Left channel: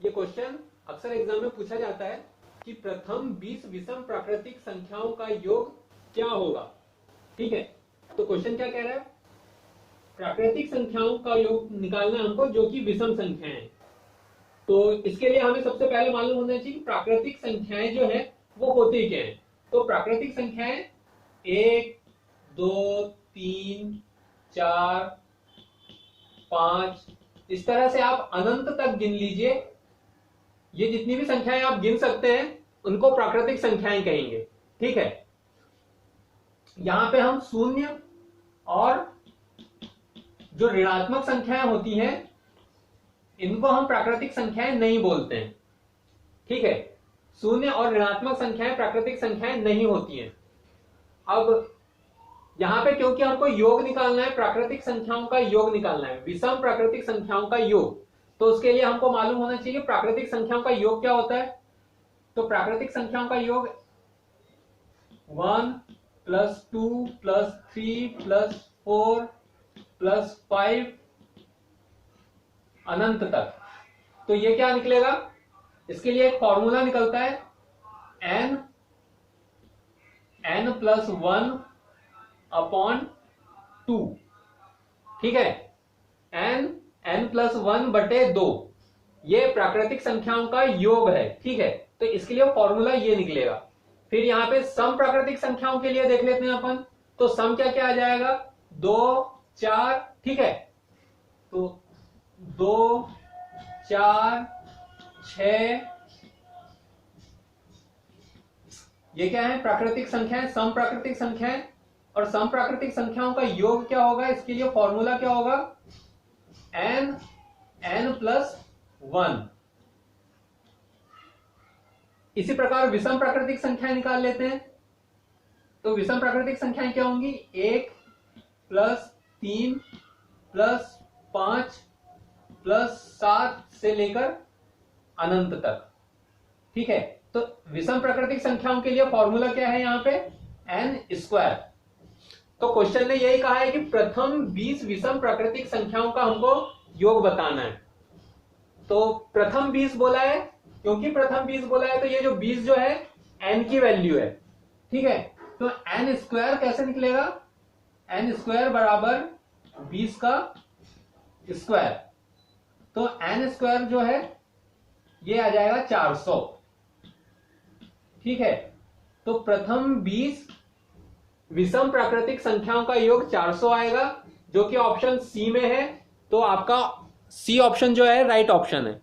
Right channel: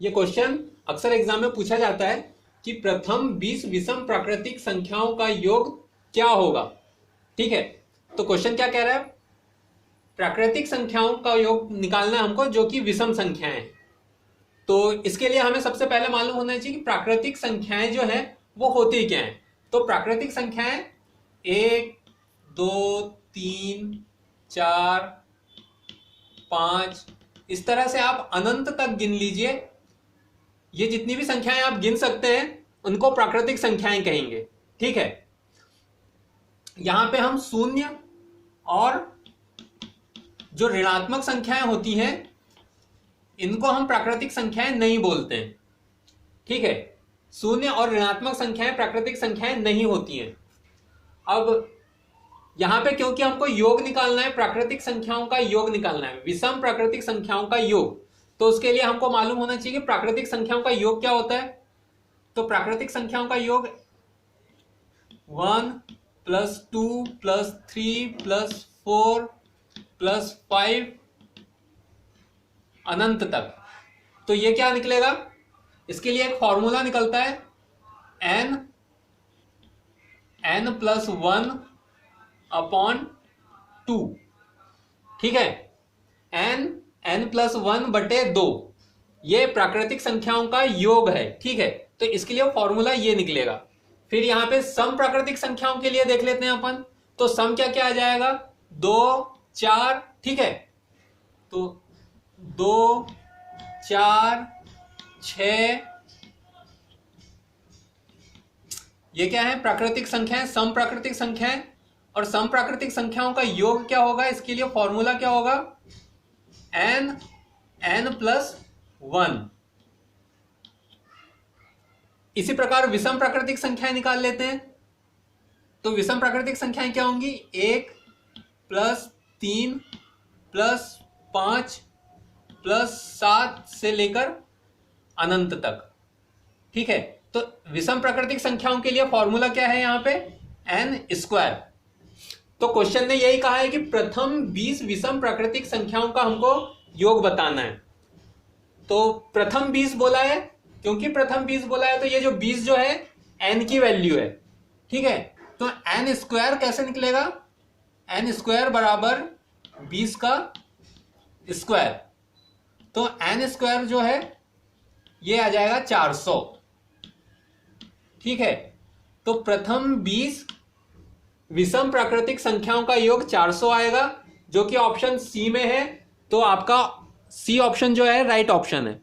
ये क्वेश्चन अक्सर एग्जाम में पूछा जाता है कि प्रथम 20 विषम प्राकृतिक संख्याओं का योग क्या होगा। ठीक है, तो क्वेश्चन क्या कह रहा है, प्राकृतिक संख्याओं का योग निकालना है हमको जो कि विषम संख्याएं हैं। तो इसके लिए हमें सबसे पहले मालूम होना चाहिए कि प्राकृतिक संख्याएं जो है वो होती क्या है। तो प्राकृतिक संख्याएं 1 2 3 4 5 इस तरह से आप अनंत तक गिन लीजिए। ये जितनी भी संख्याएं आप गिन सकते हैं उनको प्राकृतिक संख्याएं कहेंगे। ठीक है, यहां पे हम शून्य और जो ऋणात्मक संख्याएं होती हैं इनको हम प्राकृतिक संख्याएं नहीं बोलते हैं। ठीक है, शून्य और ऋणात्मक संख्याएं प्राकृतिक संख्याएं नहीं होती हैं। अब यहां पे क्योंकि हमको योग निकालना है, प्राकृतिक संख्याओं का योग निकालना है, विषम प्राकृतिक संख्याओं का योग, तो उसके लिए हमको मालूम होना चाहिए कि प्राकृतिक संख्याओं का योग क्या होता है। तो प्राकृतिक संख्याओं का योग 1 + 2 + 3 + 4 + 5 अनंत तक। तो ये क्या निकलेगा, इसके लिए एक फॉर्मूला निकलता है n + 1/2। ठीक है, n + 1/2 ये प्राकृतिक संख्याओं का योग है। ठीक है, तो इसके लिए फॉर्मूला ये निकलेगा। फिर यहां पे सम प्राकृतिक संख्याओं के लिए देख लेते हैं अपन। तो सम क्या क्या आ जाएगा, 2 4। ठीक है, तो 2 4 6 ये क्या है, प्राकृतिक संख्याएं, सम प्राकृतिक संख्याएं। और सम प्राकृतिक संख्याओं का योग क्या होगा, इसके लिए फॉर्मूला क्या होगा, n + 1। इसी प्रकार विषम प्राकृतिक संख्याएं निकाल लेते हैं। तो विषम प्राकृतिक संख्याएं क्या होंगी, 1 + 3 + 5 + 7 से लेकर अनंत तक। ठीक है, तो विषम प्राकृतिक संख्याओं के लिए फॉर्मूला क्या है यहां पे, n²। तो क्वेश्चन ने यही कहा है कि प्रथम 20 विषम प्राकृतिक संख्याओं का हमको योग बताना है। तो प्रथम 20 बोला है, क्योंकि प्रथम 20 बोला है तो ये जो 20 जो है n की वैल्यू है। ठीक है, तो n² कैसे निकलेगा, n² = 20 का स्क्वायर। तो n² जो है ये आ जाएगा 400। ठीक है, तो प्रथम 20 विषम प्राकृतिक संख्याओं का योग 400 आएगा, जो कि ऑप्शन सी में है। तो आपका सी ऑप्शन जो है राइट ऑप्शन है।